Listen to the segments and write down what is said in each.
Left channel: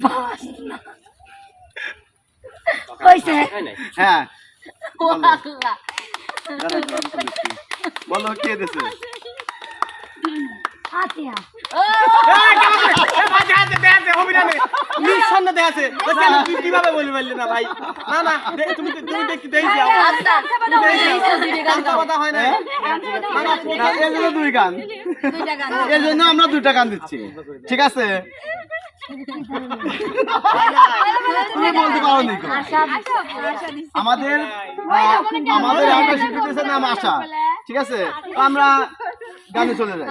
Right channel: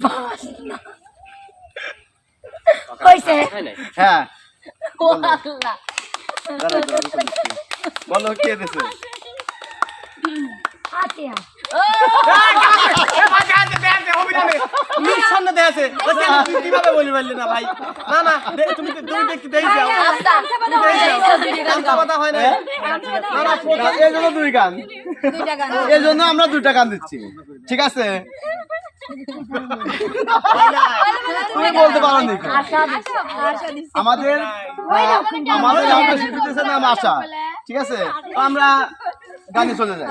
হ্যাঁ। বলো কে দিছে? কীভাবে বলি পারলি না ভাই? না না দে- তুমি তুমি দেখতে দেখছি কথা হয়? না, এই জন্য দুই গান। এই জন্য আমরা দুইটা গান দিচ্ছি। ঠিক আছে? তুমি বলতে পারো নি কেন? আশা দিছো আশা দিছো আমাদের আমাদের আশা। ঠিক আছে? তো আমরা গানে চলে যাই।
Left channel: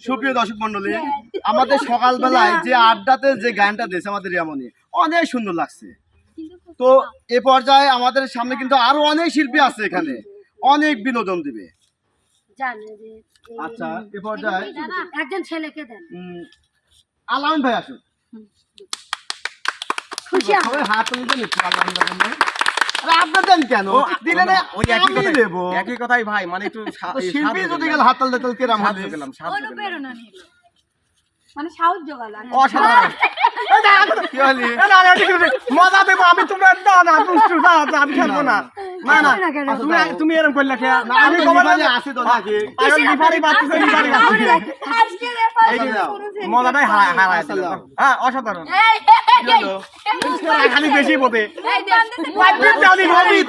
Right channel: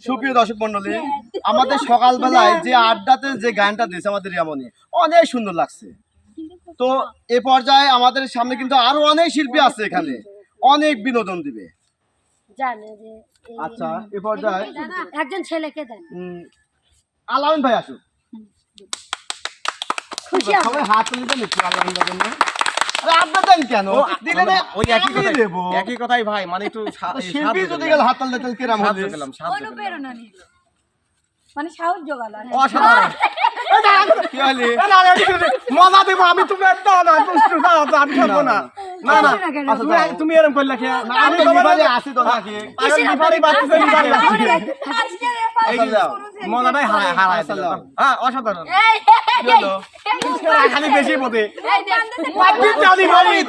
সুপ্রিয় দর্শক মন্ডলী আমাদের সকালবেলায় যে আড্ডাতে যে গানটা দিয়েছে আমাদের রিয়ামনি অনেক সুন্দর লাগছে। তো এ পর্যায়ে আমাদের সামনে কিন্তু আরও অনেক শিল্পী আছে এখানে। অনেক বিনোদন দিবে। আচ্ছা এ পর্যায়ে একজন ছেলেকে দেন। উম, আলামিন ভাই আসুন খুশি। সবাই হাত তুলে দেন একটু আলামিন কেন? দিলে না ওই একই কথাই দেবো একই কথাই ভাই মানে একটু সা- এই শিল্পী যদি গেল হাত তালতে কিরাম হবে দিলাম, সাহায্য দিলাম। অনুপ্রেরণা নিল। মানে সাহস জোগাল অসাধারণ। মজা দেবো আমি তুমি দাও না দুষ্টু দাও আমি খেলব না। না না। না তুমি তুমি এরকম করলে খেয়া। আমি আসি তো নাকি। মজাটাই হারায় হারায় হ্যাঁ অসাধারণ। খালি বেশি দাও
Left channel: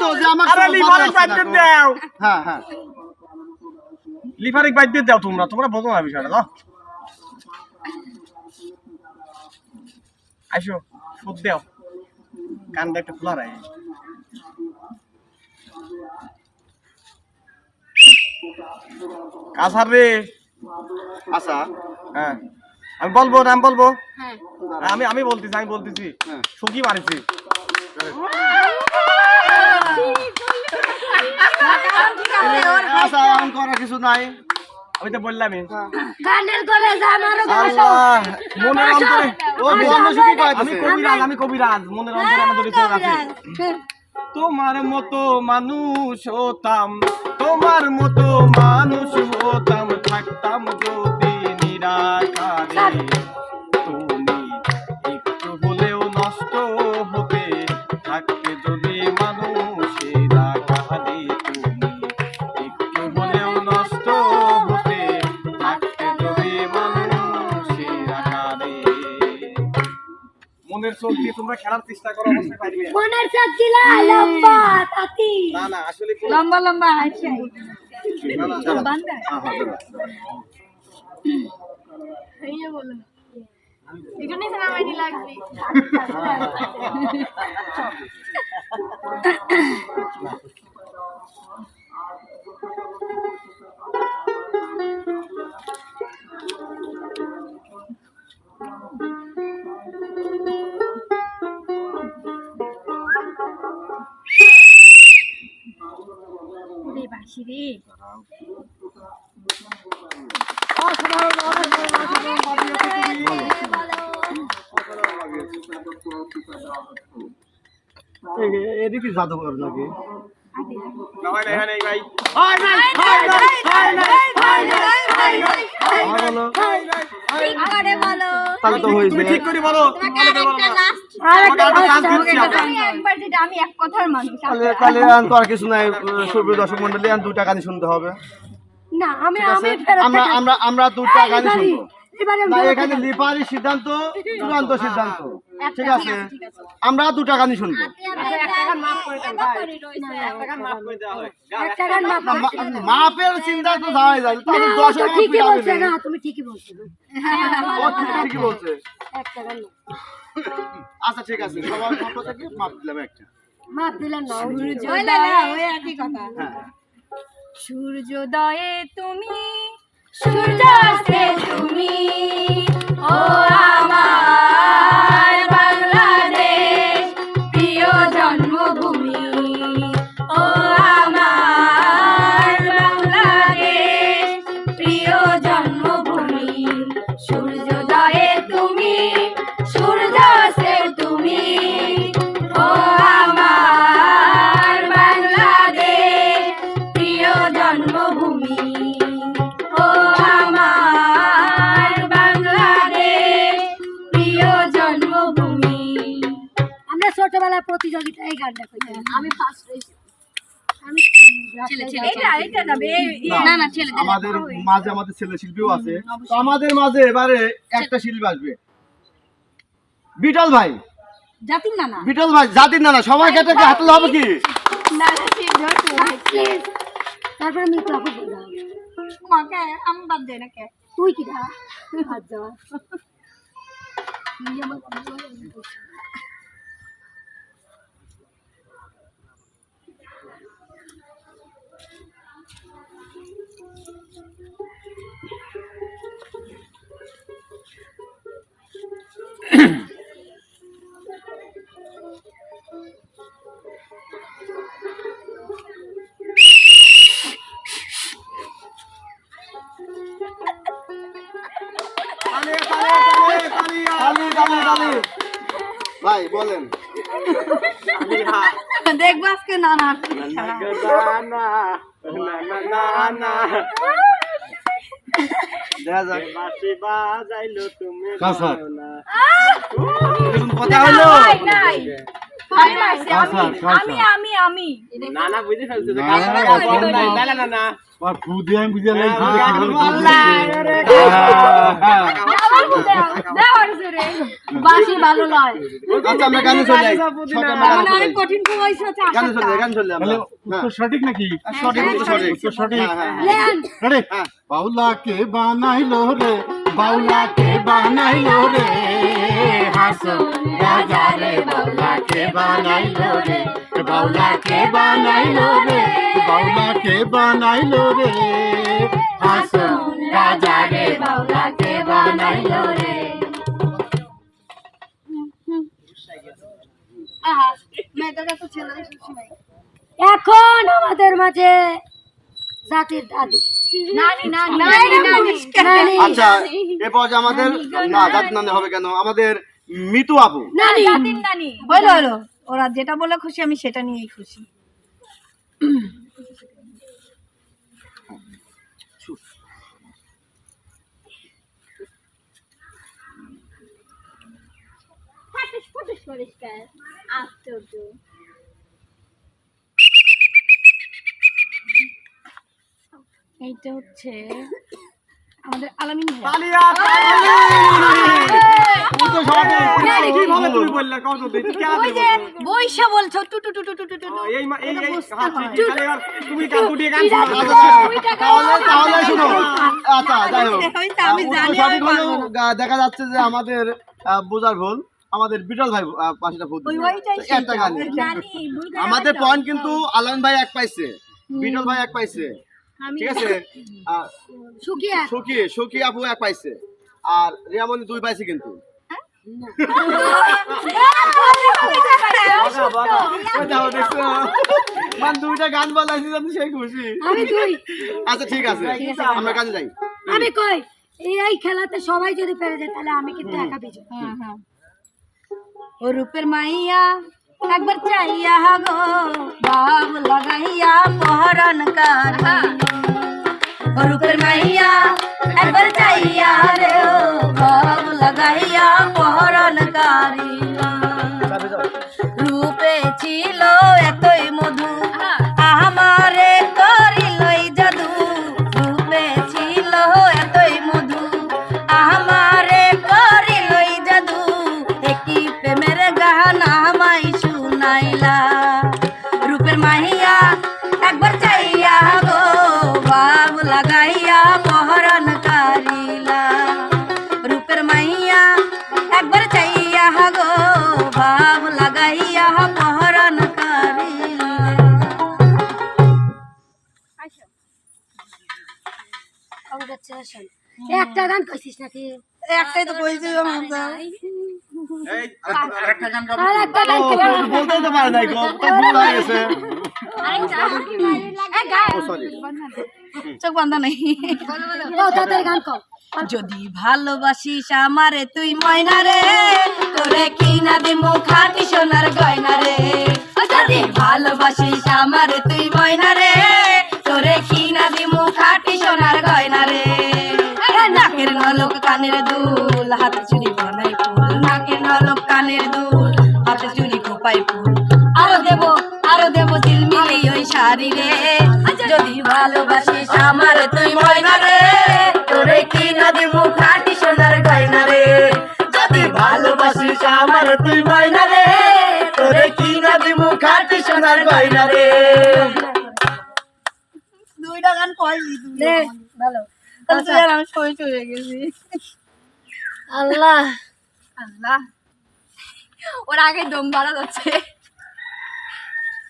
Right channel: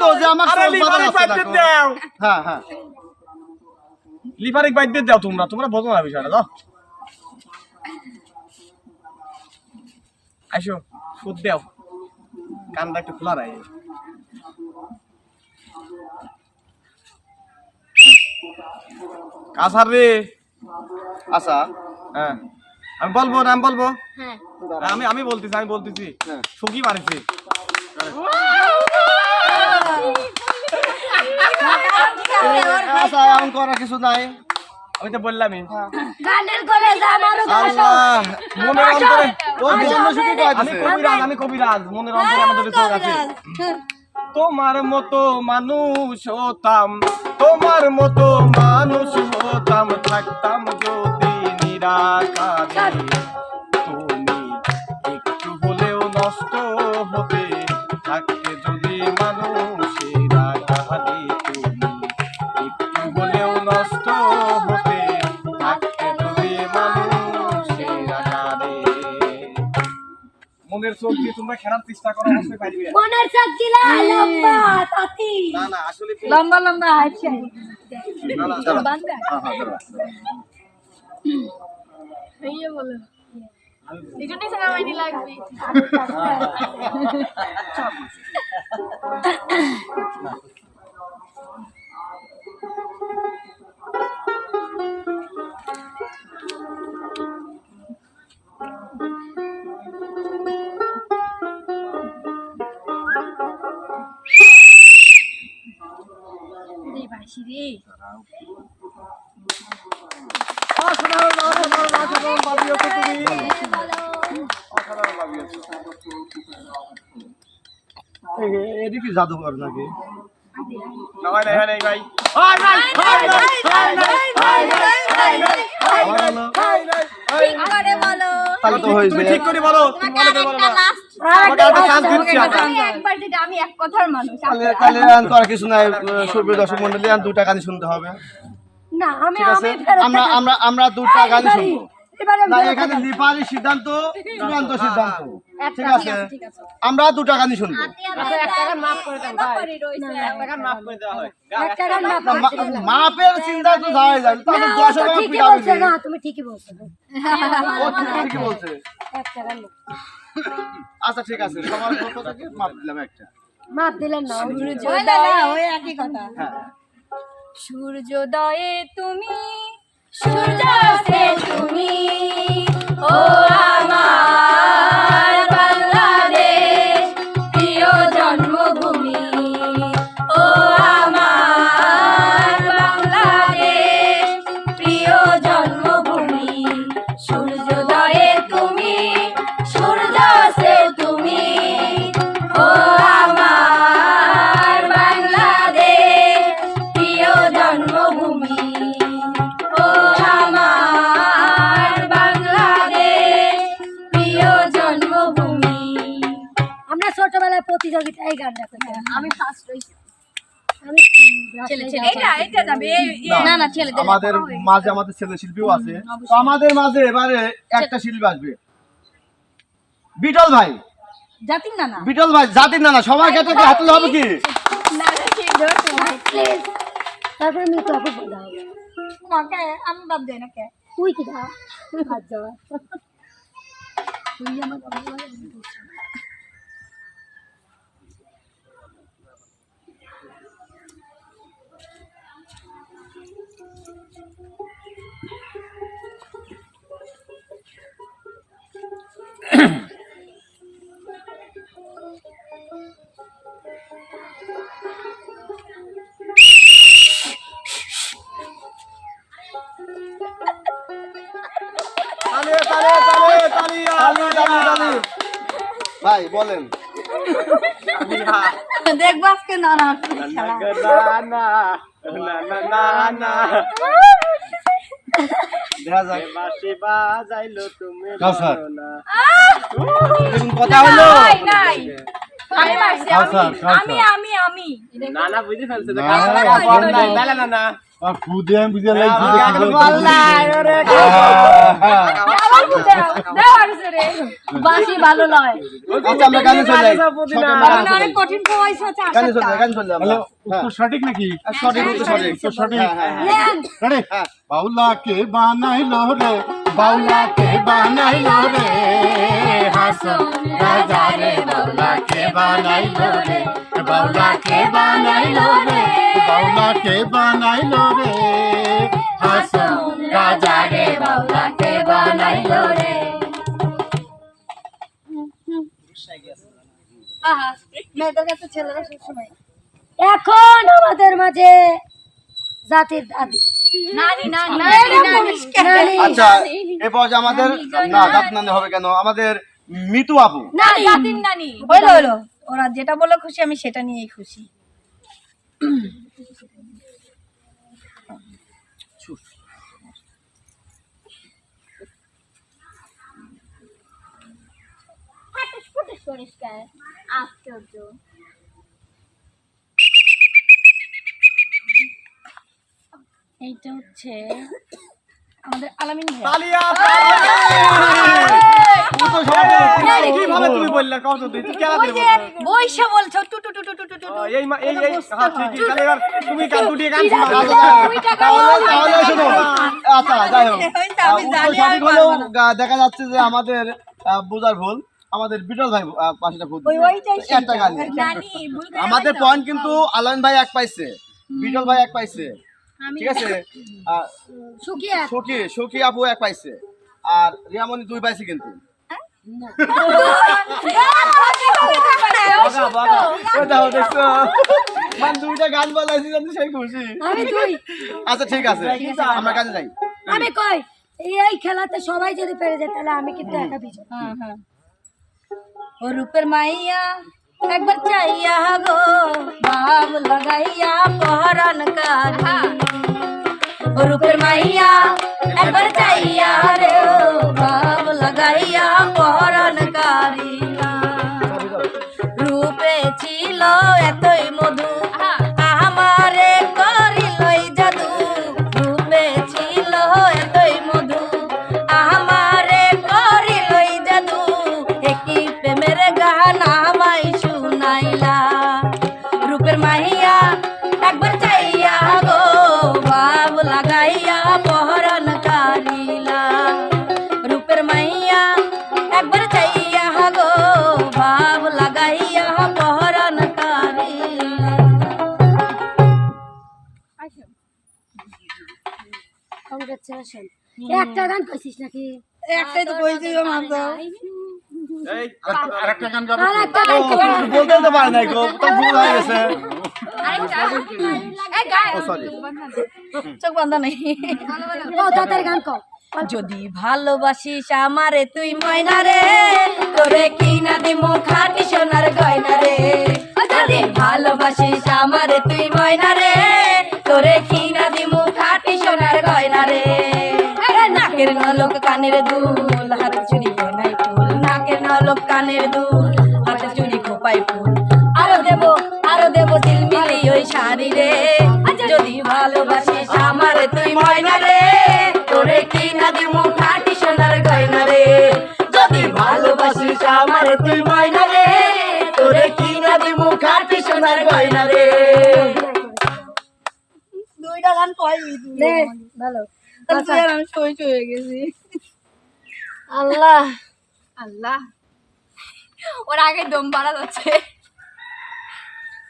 তো যে আমার হ্যাঁ হ্যাঁ। দাও। তোমরা তোমরা বোঝো না বিষয়টা দাও আইসো সুদ দাও। কানটা একটু খোলা রাখে কাসার রে। আচ্ছা হ্যাঁ। আমি বলব নাম বলব? হ্যাঁ। আমি আমি বলতেছি আমি বলতেছি। হ্যাঁ। সুখী মারিছি আচ্ছা এমন করার কিছু নাই। আমি তো বললামই। গানের করে আল্লাহ মনের অন্তরে ও আমি কবিরাজ আমি কবিরাজ মনের অন্তরে আমাদের চোখ আছে। তোমার মতো মানুষ হতাম। তোমার মতো মানুষ হতাম থাকতাম যদি নিরাকারে। মনের চোখ দিয়ে তোমরা খেলার চেষ্টা করো অবশ্যই পারবে মনের চোখ দিলা লম্বা তাতি। না না আসলে লম্বা লম্বা আছে না, না, চলো। হ্যাঁ হ্যাঁ চলো। এই বলো। এখানে লাগবে। আমার বলো হয় নাই ঠিক করে বলো কিছু নাই দর্শক মন্ডলী আর দুটা গানই শুনতে হবে না আমি আমরা আমরা আমরা দুটা গানই শুনব এবারে এখানে লিপারি সিদ্ধান্ত চূড়ান্ত সিদ্ধান্ত ঠিক আছে আমরা দুটা গানই শুনব মাপের চিন্তা তো যায় দশ তো ঠিকই বলছে না তুমি ঠিকই বলছো ঠিকই বলছে একটা গান না। আচ্ছা ঠিক আছে। সবার পক্ষ থেকে মাপ দিলাম একটা। মাপ দিলেন না ওই একই কথা। হ্যাঁ। সূর্যোদয়ে তুমি সূর্যাস্তে তুমি ও আমার আমি ফার্স্ট হইছি আমি ছেলে ছেলে এটা এটা যাবে না না ছেলে আমাদের মাঝে আমাদের ছেলে শিল্পীও আছে। তো আমাদের মাঝে এবারে একটা শিল্পী আসবে। বিটল ভাই। জাতির না না বিটল ভাই জাতির না না সবাই ক্ষেত্রে কি হাতলে হবে কি? তারপরে আমি তোকে বলতে হবে মাকে আমি বাদ দেই না কে তুই কি দা আচ্ছা তুই আমার নাই আজকে নানা। আমি আমি আমি নানা না না বুঝে ফেলছে তো আর আমি বুঝে হ্যাঁ, বাসি ভালো আচ্ছা। কঠিন হ্যাঁ। সঠিক নাকি হ্যাঁ, হ্যাঁ, হ্যাঁ। হ্যাঁ। বাউলাকে বানাইলো রে বাউলাকে বানাইলো রে হাসো রাজা রে বাউলাকে বানাইলো রে বাউলাকে বানাইলো রে বাউলাকে বানাইলো রে। রাজা রে বাউলাকে বানাইলো রে। আহা মেয়েদের কাছে ছেলেরা সবসময় এখন আমাদের মাঝে জাতির দাদি নানি নানি নানি নানি নানি আচ্ছা এরপর আমাদের না জাত নানি হবে কেন? আমাদের মিতু আপু। জাতির নানি হলো হলো। ওরা যেটা বলে খুশি আমি সেটা নিয়েই খুশি। পরিষ্কার আশ্চর্য। এইটা হচ্ছে আমাদের আলামিন ভাই তালিয়া তালিয়া! উত্তর সঠিক কীভাবে তুমি বললে? কও তো দেখি কেলা ওই যে বৈশা বলছো টু টু টু টু টু টু টু এই এই এই ঠিক ঠিক তাহলে এবার তুমি গান দুটি গান তাহলে তাহলে শোনো আচ্ছা যাই হোক। আমি জানি দেখা যাচ্ছে যে আমাদের বোঝার ভুল। আমাদের বিটল ভাই পাঁচটা তো একটা গান নানি আমাদের। পয়েন্ট কিন্তু আলান ভাই এক পাইছে। বিটল ভাই এক পাইছে। আমি ঠিক আছে? সুখী সুখী আপু এক পাইছে। আর রিয়ামণি দুই পাইছে কিন্তু? মান দুইটা গান বলাইছি সেই খুশি। আমি তুই আচ্ছা ঠিক আছে। আমরা কাজে যাই। আমি কই? এই এই খেলাতে সবাই যদি পেরে যায় তাহলে আমি কিন্তু একা বিজয়। और ऊपर माइया एक बार चाहिए गो बाब लगाइया पहरन कर और ऊपर माइया एक बार चाहिए रे একটা গান কইছিস নাকি? একটাই তো কইছি মামদা আরেকটা গান গাবে আর একটা গান কই বলতে তো পারে নাই গো তো ভুল হয়ে গেছে। চোখ বান্ধা নেই। গান কর যদি ভালোবাসিস আমারে তুই ময়না রে। তোরে কি না দিমু খাটি সোনার গয়না রে। যদি ভালোবাসিস আমারে তুই ময়না রে। কানের দুল হাতে খোপাই ফুল। আরও দেবো আরও দেবো ওই শাড়ি রে। যদি ভালোবাসিস আমারে তুই ময়না রে। তোরে কি না দিমু খাটি সোনার গয়না রে? যদি ভালোবাসিস আমার তুই ময়না রে। তোরে কি না দিমু খাটি সোনার গয়না রে? দুইটা গান কয়নি তুই। রে ভালো। তাহলে তুই আর আমি সই হয়ে গেছি। আল্লাহ। আল্লাহ। ওর আগে দম বাড়া যাচ্ছে।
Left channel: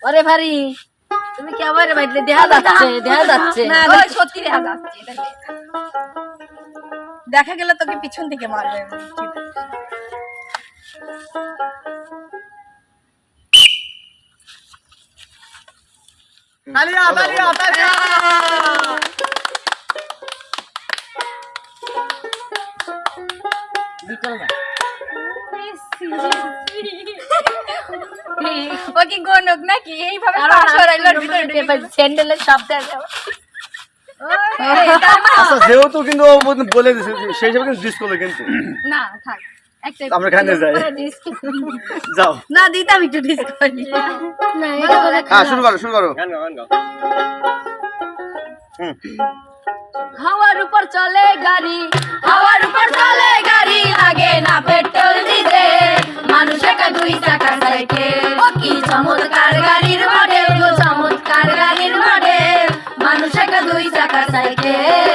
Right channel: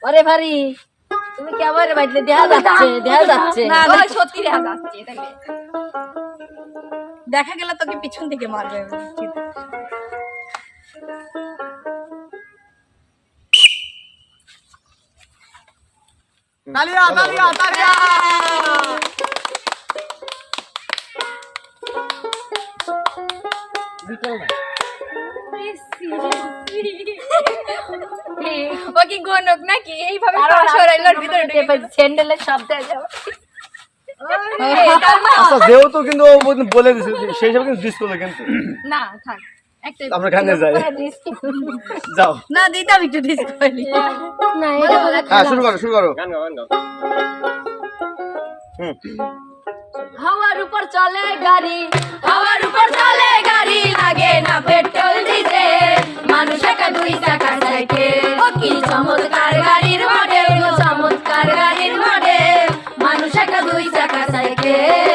ওরে ভারি তুমি কি আমার দেখা যাচ্ছে দেখা যাচ্ছে? না ওই সত্যি দেখা যাচ্ছে দেখা গেলে তোকে পিছন থেকে মারবে। তালিয়া তালিয়া তালিয়া! ও কি গনক নাকি? এইভাবে পাশ ভিতরে ঢুকে স্যান্ডেলের শব্দ আছে আচ্ছা যেহেতু কিন্তু ও বলে দিছে সেই হিসাবে কিন্তু ডিস করল কিন্তু। না থাক। আমরা খানে যাই। যাও। না দিতাম একটু ডিসকাউন্ট না হ্যাঁ শুরু করো শুরু করো। গান গাও গান গাও। হুম। হাওয়ার উপর চলে গাড়ি হাওয়ার উপর চলে গাড়ি লাগে না পেট্রোল মানুষ দুই চাকা সাইকেল কি চমৎকার গাড়ির মডেল চমৎকার গাড়ির মডেল মানুষ একা দুই চাকা সাইকেল।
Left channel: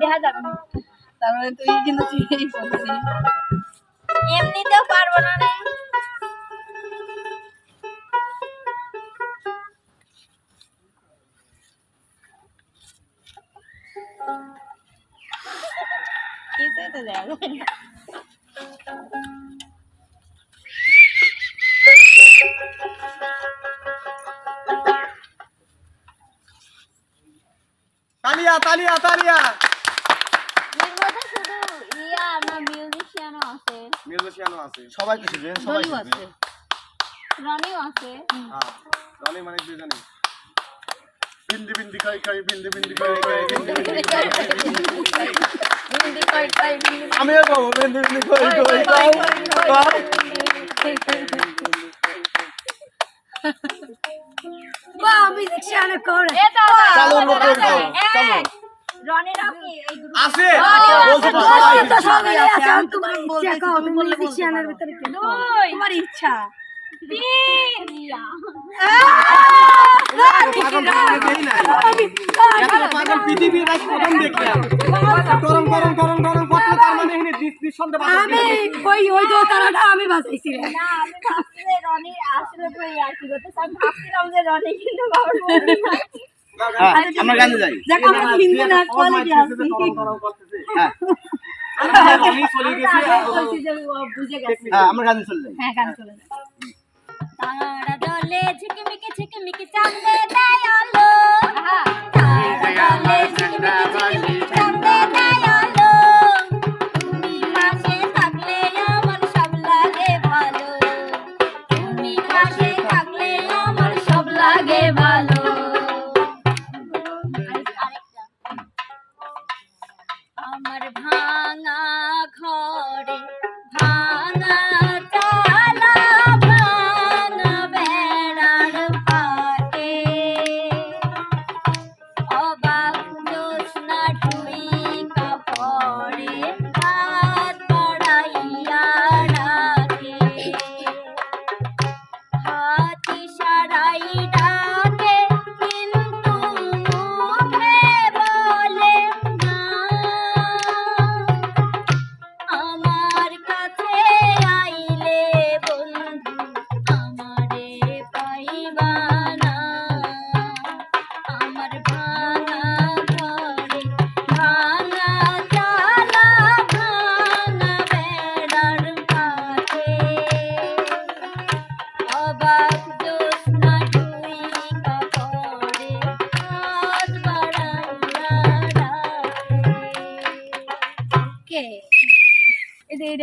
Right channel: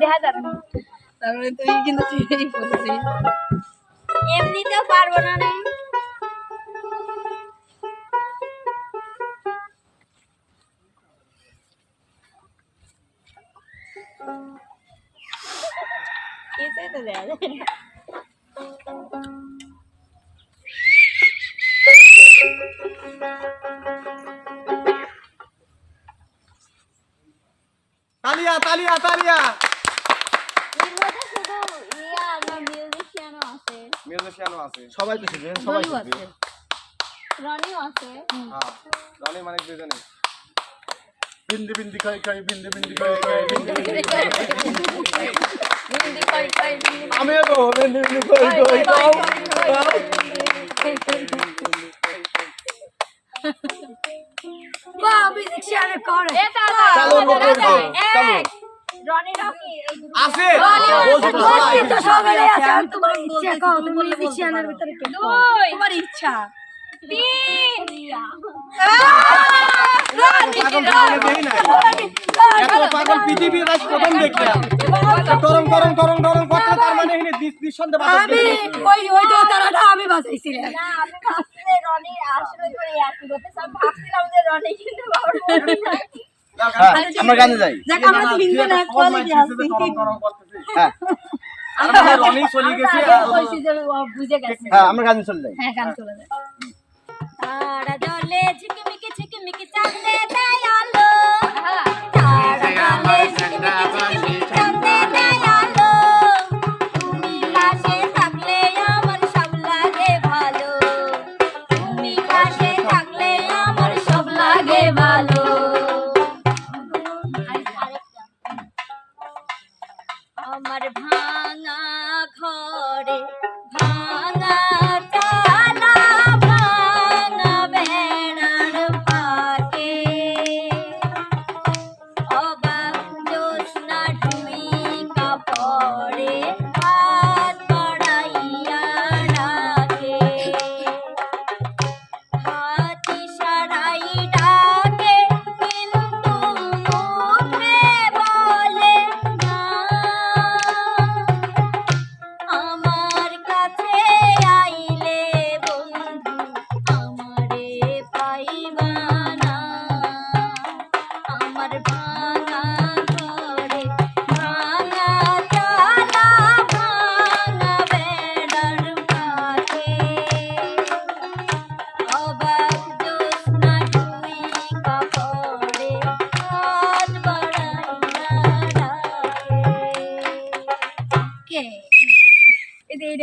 দেখা যাবে। তারপরে তুই কিন্তু চিড়েই পড়ছিস এমনিতেও পারব না রে তো দেয়া যায়। তালিয়া তালিয়া ইয়া মিউজিশিয়ানও আছে সবাই শিখবে সবাই শিখবে রনিও আছে হ্যাঁ রনি মানে দুজনে বিন্দি বিন্দি খাই খাই বিন্দি বিন্দি খাই খাই বিন্দি বিন্দি খাই খাই হিন্দি কই কই আমিও তো বিন্দি বিন্দি কই কই কই চালু দাও চালু রনি রকি এই গ্রুপ আছে তোমার ইচ্ছা তুমি তুমি বললে বলতে মিউজিশিয়ানের পারো। ভিতরে কে দুই তোমার ইচ্ছা এত পাগল। পৃথিবীর আজ প্রথম দেখলাম গরম গরম গরম গরম করতে তার মানে এখানে নিস- নিঃসন্দেহে বাতাস আমি ওই ওই দোতারাটা আমি বাজাইছিলাম না আমি ভাবছি রনি আসলে তো এই আর কি করতেছে আমি ভাবছিলাম যে রনি কিন্তু বাবার বলবে না। হ্যাঁ, আমরা গানে যাই। দেখ আমার তিনজনের কোয়ালিটি আছে হ্যাঁ। হ্যাঁ আমরা গানে চলে যাই। হ্যাঁ গান চলে যায় তারা জলে ঝিকিমিকি ঝিকিমিকি চাঁদে দেয় আলো। তারা জলে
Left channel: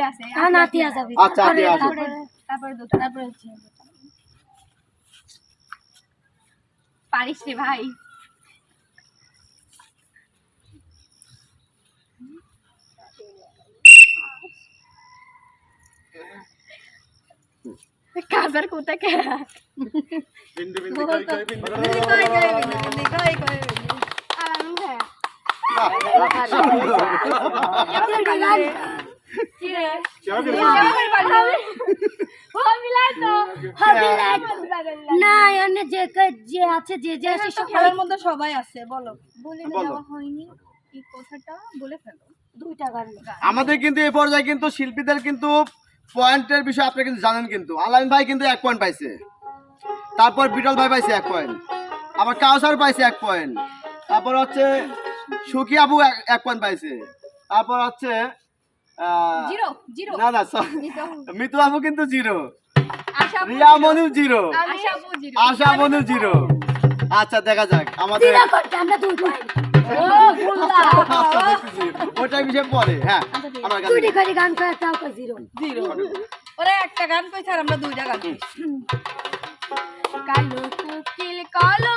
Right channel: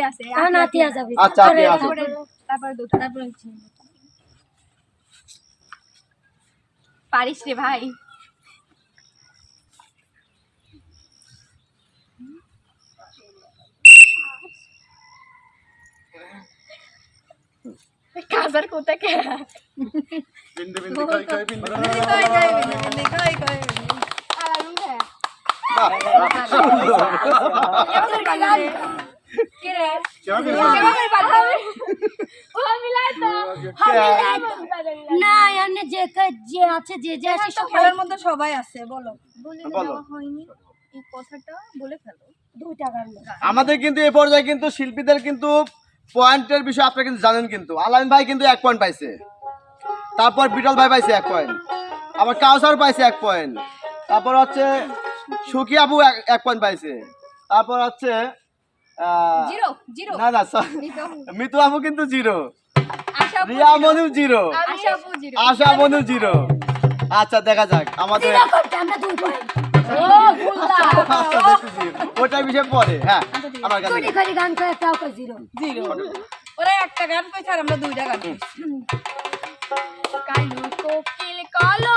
আছে আর নাতিয়া যাবে আচ্ছা, আচ্ছা, আচ্ছা। তারপরে তারপরে দুটো তারপরে হচ্ছে। পারিস রে ভাই। কাজার কোথাকে বিন্দি বিন্দি খাই খাই বিন্দি? বিন্দি খাই। আর আমি হ্যাঁ না এনে যে যে আছে যে যে আছে সব মধ্যে সবাই আছে বলো বলে বলো। দেওয়া হয়নি এই কথাটা বলে ফেলো দুই টাকার আমাদের কিন্তু এ পর্যায়ে কিন্তু শিল্পীদের কিন্তু পয়েন্টের বিষয়ে আপনারা কিন্তু জানেন কিন্তু আলাইন ভাই কিন্তু এক পয়েন্ট পাইছে তারপর বিটল ভাই পাইছে এক পয়েন্ট আবার কাউসার পাইছে এক পয়েন্ট তারপর হচ্ছে সুখী আপু এক- এক পয়েন্ট পাইছে তারপর হচ্ছে জিরো জিরো। না না মিতু আপু কিন্তু জিরো। রিয়া মনু জিরো। আশা আপু জিরো। আশা মনু জিরো। আচ্ছা দেখা যাক। আমাদের পয়েন্ট আচ্ছা, বিষয়ে পরে হ্যাঁ আমার কাছে করে গান করে তাও জিরো। জিরো। ওরা একটা গান কইছে আর আমরা দুইটা গান কইছি। কালো কোকিল কালো